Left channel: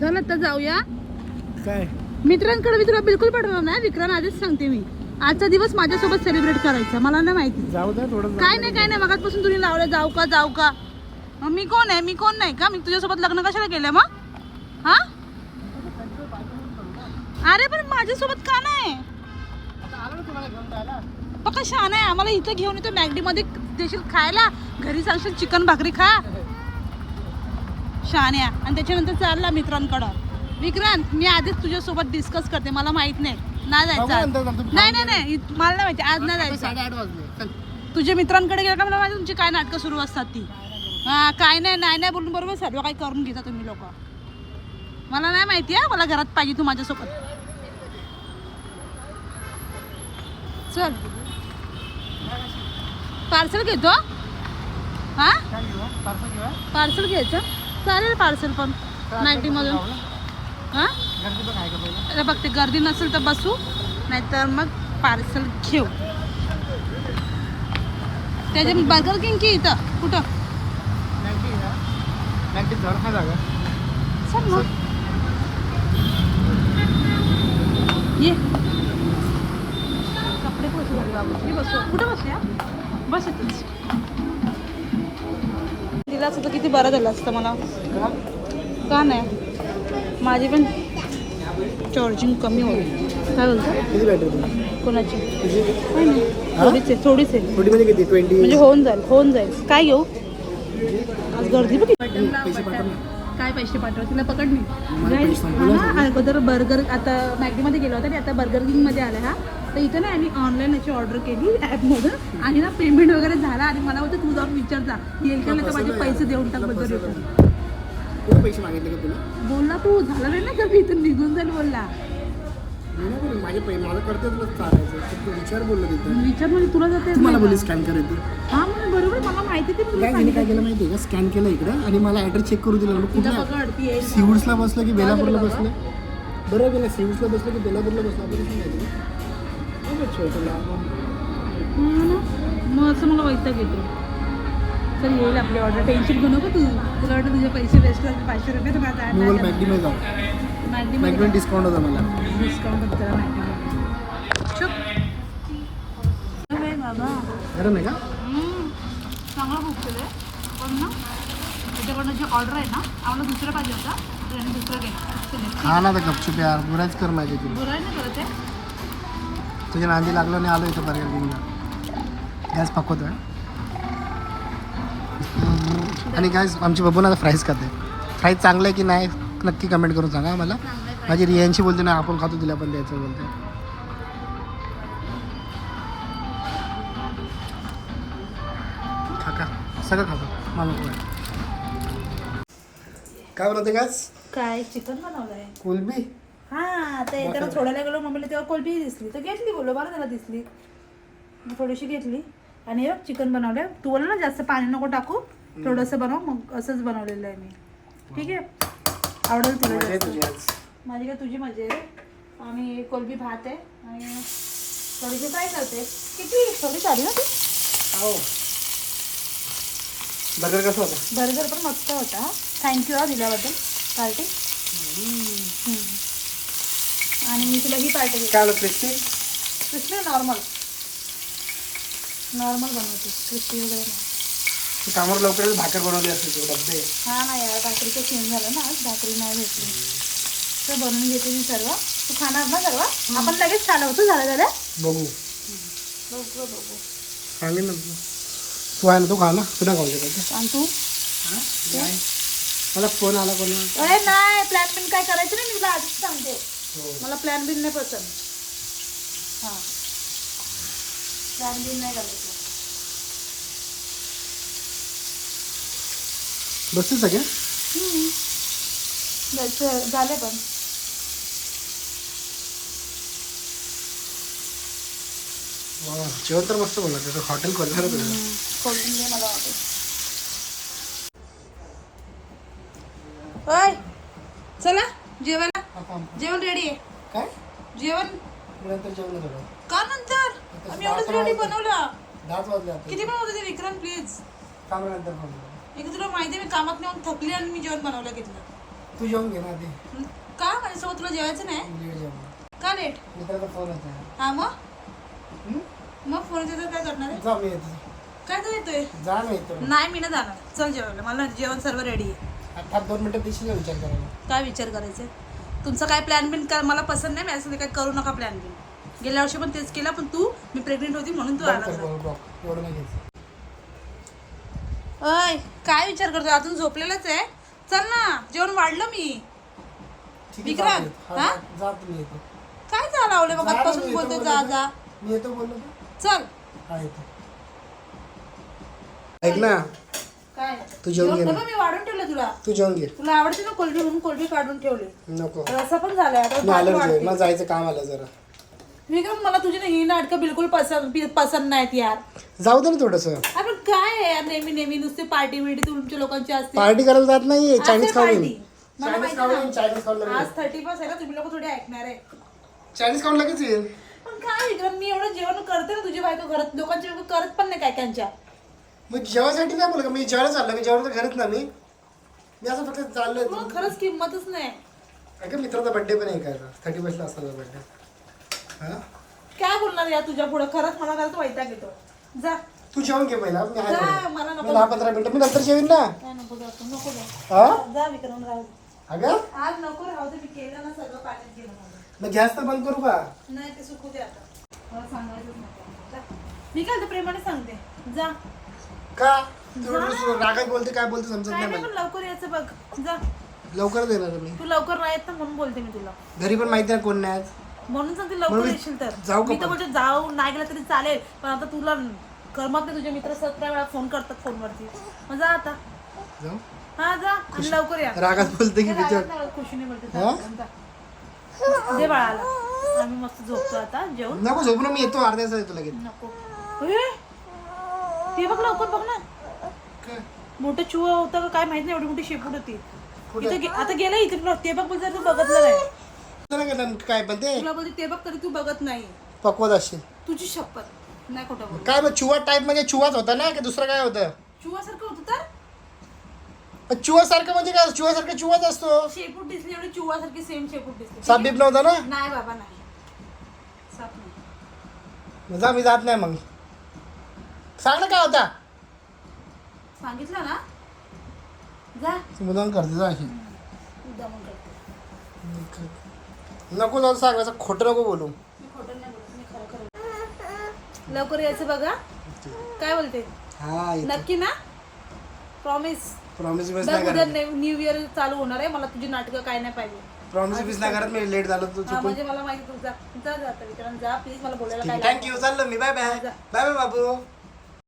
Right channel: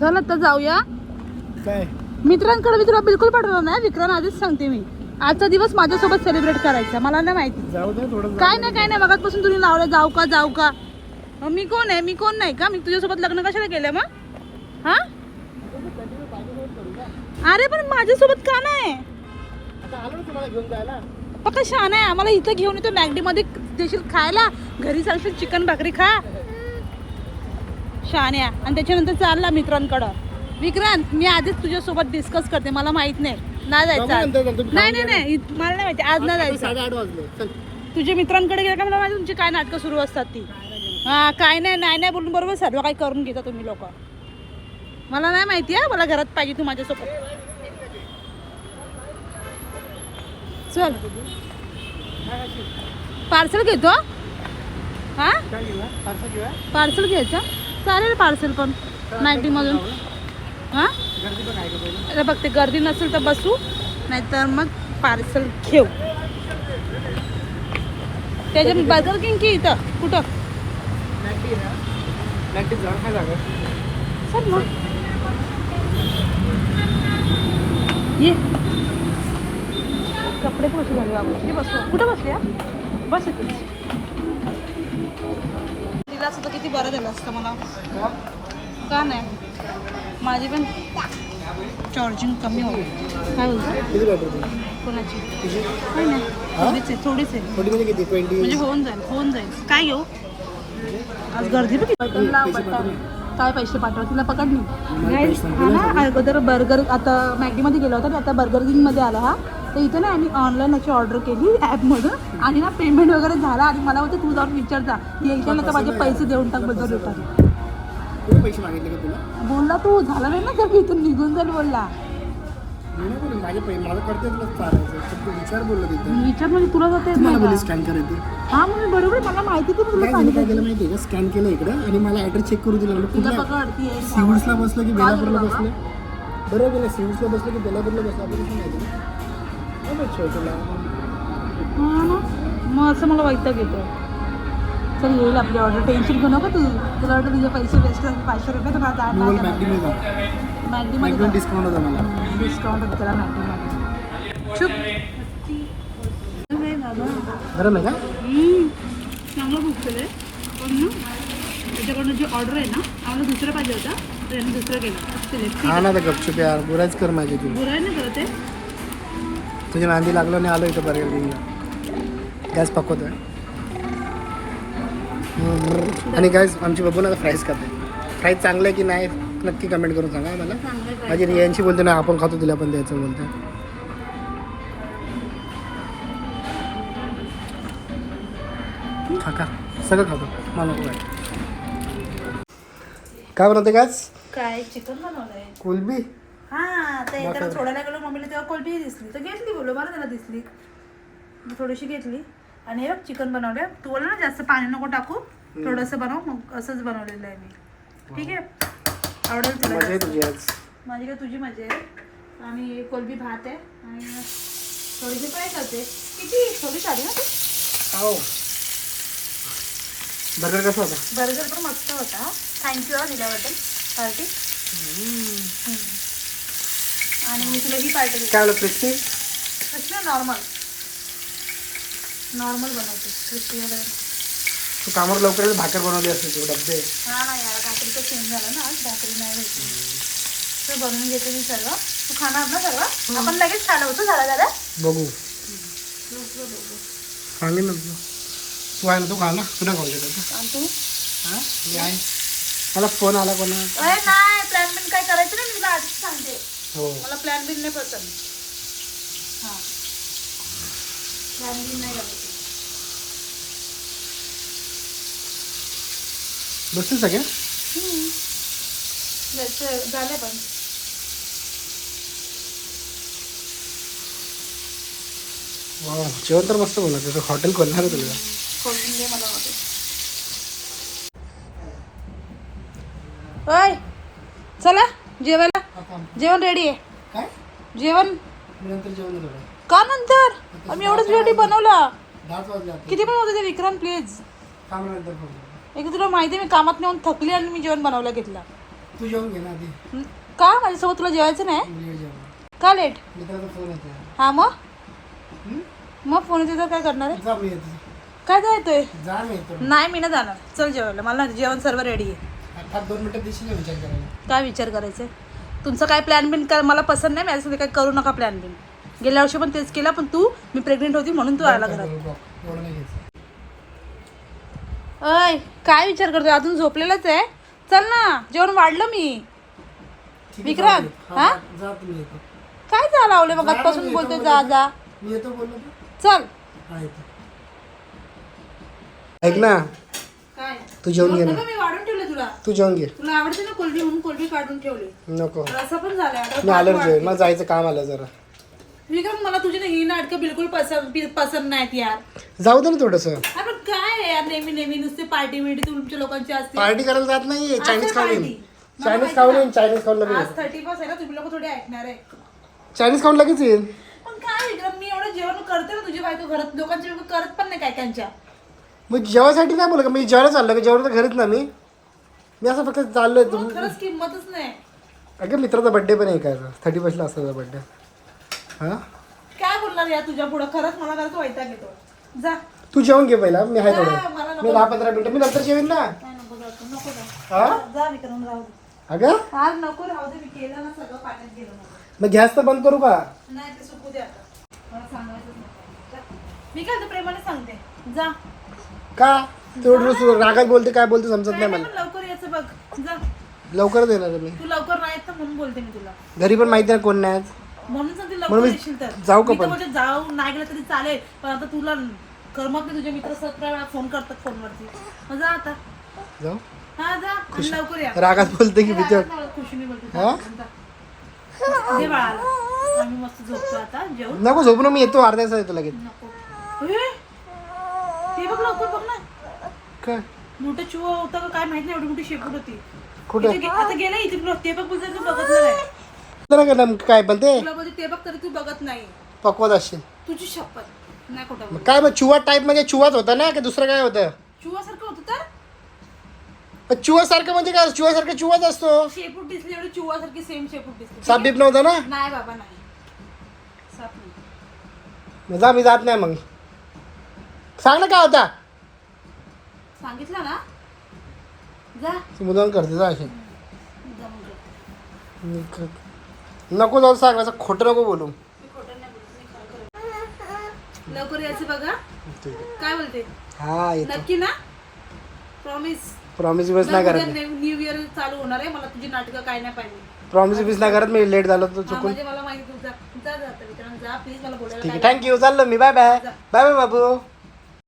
चल आता जाऊया. काय? मित्रांकडे मी तुला बिलकुल पाठवलं नाही. विक्रांत आधीच सांगते मी. आजचा दिवस माझ्यासोबत सेलिब्रेट करायचा. मला नाही माहिती. जाऊ दे थोडं काय नाही काय नाही. मगापासून तुम्ही लावलं जाऊ का जाऊ का? मग मी कोण आहे? मी कोण नाही का? मी तुझ्यासोबत लग्न कशाला केलं मग? हा? अरे पण माझ्यासोबत का नाही? ना पक्का छान आहे. आम्हाला इथं घेऊन येतो. मॅगडी मध्ये देशील खायला? घरी सांगशील चिकन भाकरी खा. शान्या आणि त्याच्यानंतर चालला मित्रांकडं. विक्रांत मी आधीच तुझ्यासोबत डिस्कस करते. मला माहीत नाही. बघू जायचं नंतर आज. नंतर नाही नाही नाही. इत- मला नाही माहिती. आज नाही जायचं. साडेआठ वाजले. चल. तुझ्या मित्रांकडे गेलं का? मला माहिती तुमची काय नाटकं सुरू असतात ती. हा काय नाही नाही नाही बोलून बरोबर सर्व काही करून घेता तुम्ही लोक. मला नाही माहिती आहे मला घरात पाहिजे तू माझ्यासोबत. चल. पार्सल घेतो हा. काय घेऊया? पार्सल घेऊया? पार्सल घ्यायचं. चालेल पार्सल पण. नाईन्टी हां? बघते गर्दी नसेल तर बसू नाहीतर मग पार्सल घेऊ. त्याच्यात बर्गर किंग की इथं. कुठं? सर चल मग. ये. कपडे कुठे झाले कुठं बसूया बस इथंच. असतं तर किती बरं झालं असतं मला. का नाही? माझी पण चार्जिंग कमी होईल. काय बोलतो कोणाची? काय नाही. थोडीच आहे थोडीच आहे. ट्वेंटी म्हणजे होऊन जाईल होऊन जाईल. काय घेऊ? आज गर्दी बघ. काय पैसे पाठव तिला पकड नाही अगोदर बर्गर आता मॅगीमध्ये गेला होता आणि आता बर्गर किंगमध्ये आला हा. तर इथे ना आम्ही ऑनलाईन याची ऑर्डर केली ॲपमधून आणि ना पेमेंट वगैरे झाला. आणि मला होतं तू जाऊन विचारता येईल का नाही तर माझे पैसे देऊन टाकबद्दल पैसे मागितले का तुला? बोलला तू झाला नाही ना तर मी इथून निघून जाईल बोलला. मला करते तुला चालायचं तर तू विचार बोललो तिथं. विचार म्हणजे तुला जाते मला बोलली स्कॅन करायची. हा म्हणजे बरोबर मला माहिती तुला काय केलं माहिती आहे का? स्कॅन केलं इकडं आणि मला ॲड्रेस चेक करू दिला. कुठल्या? बसलं की बेलापूरला. बसले? बरोबर गेलं सिव्हिल्सला बसलं की बेलापूरला बसलं माहिती का? काय माहीत शेवटला हा ना मग असं मला वैताग येतो चल येईल आपली ऑर्डर टेन्शन घेऊ नको तू तुला वाटतं तुझे पैसे वेस्ट पाचशे रुपये तर मला मी बोल मॅगडीमध्ये जाऊ मॅगडीमध्ये मॅगडीमध्ये डिस्काउंट होता मला डिस्काउंट तुला मॅगडीमध्ये चुप नाही बाबा खरं नाही का हम्म, चांगलं बुक केलं आहे पण ना त्याच्याकडनं जे ऑर्डर आहे ना आम्हाला दुसरं पाहिजे होता तर यांनी दुसरं केलं सिलेक्ट हा ना तर गपचूप यार बुराच कर माझी तू बुराय नाही करत आहे तुझ्या नांदी लागलो नाही आलो इथं बर्गर किंगला गॅस पकवतो आणि काय आमची बबू ना फ्राईज खाते. फ्राईज चांगलं आहे की नाही नक्की कमेंट करून सांगा मला माझी रियांशी बोलते ना आपण खातो तिला पण द्यायचं बोलते. सगळं खातो. मला काय बनवते काच काय चिकन बनवलंय. कुलबी? हा तर येताना सोडायला गेलो मम्मीला तेव्हा कोलबी दिसली. तर घेतली बोललो बरं त्याला दिसली. थोडीशी घेतली. आणि हे चिकन बनवलंय. तू बोलला ना जास्त पाणी नको टाकू. थोडंसं बनव मग असंच बनवलेलं आहे मी. ठीक आहे? आवडेल तुला माझी काय तुझी मजा आहे? आणि कोलबी भात आहे. आणि थोडीशी काय करते. किती? थोडी आली ना? हो. बर्गर कसं होता? बर्गर पण मस्त होता. थँक्यू दिल्याबद्दल. पार्टी आणि मी तुला ही पार्टी काय आलं क्रिस्पी क्रिस्पी नॉर्मल नॉर्मल बनवते क्रिस्पी वगैरे नाही. तू कामावर लवकर भाकर बनवली असेल तू डब्बे. हा ना यार भाकरीचं सेम झालं ना भाकरी नाही भेटली. तर बनवून घेते मी सर्व. तू खाणार ना सर्व? आपण लगेच खाणार तू झालं झालं? बघू. बघू बघू सांगेन ना तू. तू आहे ना तू खा ना. पुन्हा खाऊ देतो तू. आणि तू? हां? मी आहे. मला फोन आला कोणा अरे नाही प्लॅन बिन काय करायचं नाही मी तुला आधीच सांगते. मला प्लॅन बिन नाही पसंत हां. प्लॅन बिन नाही करायचं बसते सगळे झाले पण. जेवण तर मस्त बोलला त्याचं हॉटेल खोलणार तुला. खोलून मला ओय चला. जेवायला जेवण रेडी आहे. काय? जेवण? नंतर जेवण थोडं का नंतर? आम्ही एवढंच रेडी बनवला. दहाच वाजले आता. किती बनवते ते विक्रांत प्लीज काम नंतर खाऊ एक तुला माहिती आहे मी कामात नेऊन थकली आणि मी जेवण बनवलं घेतलं. तू जेवून घे ना आधी. हं? का? माझ्यासोबत तुला जेवायचं नाही? लेट जेवण का लेट मित्राचा फोन येतो हा मग? हं? मग फोन येतो तर काय करणार आहे? जा मी येतो काय काय येतोय? जा मी येतो नाही मी ना जाणार. चल जेवायला. मला जेवण सर्व रेडी आहे. आता दोन मिनिटं विचार करायला? काय विचार करायचे? तुमचं काय प्लॅन बिन कर मला पसंत नाही माझ्यासाठी काय करू नका प्लॅन बिन. गेल्या वर्षी पण तेच केला पण तू मी प्रेग्नेंट होती म्हणून तू आला घरात. अय काय विचार करतोय? अजून झोपलेलंच आहे? चल ना जेवण वाढलं मी. विक्रांत, जा, जा, हा? जा काय झालं आवले मग जा आजपासून बोलतोय जा. जा. चल. ऐक ना काय? तू जेवून घे ना. मी वाढून ठेवलं तुला. तू जेवण घे. तुला आवडते ना कोलबी म्हणून कोलबी काढून ठेवली. नको. रसा पण झालाय. आता मी आलो वाढते. मला जायचं काम आलं जरा. विक्रम मला तुझी ना ही नाटकं बिलकुल पसंत बि- पसंत नाहीत यार. जाऊ दे ना थोडंसं. आपण काय आहे यार नेहमी नेहमी नुसते पार्टी बिर्टी तुमच्या लोकांची असते. पार्टी करायला जात नाही चायनीज खाऊन येईन. party. मला चायनीज खाऊन. येईन चायनीज खाऊन लगेच आज थर्टी फर्स्ट आहे ना तुम्ही लोक थोडे ऐकणार आहे. चायनीज खाऊन लगेच येईन. पण काय विक्रम मी एवढं जेवण करते ना तुझी बायको घरात. लोकांची बायको करत पण नाही काय त्यांच्या मग जेवायसाठी काय बोल का? मी जेवायला चाललो का? जेवण तर घरीच ना मी. मी असं फक्त चाललोय. तुला खरंच किंमतच नाही. अगं मित्राचा बर्थडे पण आहे काय थर्टी फर्स्टला असतो बर्थडे हा? काय बोलणार या तुझ्या पुढे? खरंच मला खरंच वैताग येतो. जा. तू जेवण घे पहिला. मी आहे. मला नको मी दहा पंधरा मिनिटं. मी नंतर जेवीन ना. काय नको जा तू, नको जा हा? जा विक्रम राहू दे. अगं? आज नको राहू दे. मी केलं ना सगळं पाण्यात गेलं माझं. मग गॅस तर बंद करू का? नाही ते सुकू दे आता. मला सांगायचंच नाही. जा. मी काय ते प्रेमाने सांगते? जा. का? तेवढं रागात बोलते काय बोलते समजत नाही नाही मला लवकर यायचं बघ. जा. लवकरच येणार आहे मी. तू लवकर नाही येत ना म्हणून बोलते मी तुला. घरी पण माहिती आहे कोण नाही. म्हणून सांगते म्हणून लवकर मी येशील तर. जाऊ का मी तर पण? बोलते जाऊ नाही गेलं तरी चालेल. पण आता तुला करमत नाही तुझे मित्र सतरा वेळा फोन करतात फोनवरती. मग जा आता. जाऊ? हा जा. आणि लवकर या. रागात बोलते की खुशीने बोलते. हा? जा. जा. दे बाळाला. आम्ही मस्त झोपतो आता जेवण. नको झोप ना मी येतो अर्ध्या तास येतो लगेच. नको. ए, ते बघ लवकर बघ ना. काय? मोठं चुवा होता का काय माहीत नाही एवढी मोठी शेपूट होती. कुठे? इथे गे- आता गेलं इथे तुला ते बघ तू बघतलं नाही. जरा का नेमकं काय पण ते तुला बोलते ते बघ तरी तू बघत नाही. पकवत असशील तुझी शपथ. नाही खोटं बोल काय मग चुवा टाईप म्हणजे चुवाच होता ना की दुसरं काय होतं? चुवासारखं होतं तर? पण चुवा सारखं म्हणजे काय? चुवा सारखं चुवाच असतो. शेपूट दिसली एवढी चुवासारखी सेम शेपूट दिसली. साप बीप नव्हता ना? नाही बाबा नाही. साप नाही. मग जा मी जात नाही मग. सांग ना काय होता. सांगितलं ना. जा. तू मुलांना करते जा अशी. उद्या मग जाऊ. मी क- नको जाऊ सांग असं खोटं नको बोलू. मी खोटं नाही बोलत, मी खरं खरं लवकर यायचं बघा. ठीक आहे. काय बोलते? हा येतो. नक्की ना? प्रॉमिस प्रॉमिस बिस नाही करत न्यू इयर चालू होणार आहे मला तुझी नाटकं काय नाही पाहिजे. प्रॉमिस बिस नाही करत मी लेट झालो तर हा, चुकून. म्हणजे मला माहिती तू जा प्लीज मला बोलायला ठीक काय आहे थँक्यू चाललो मी बाय बाय बाय बाय बाबू.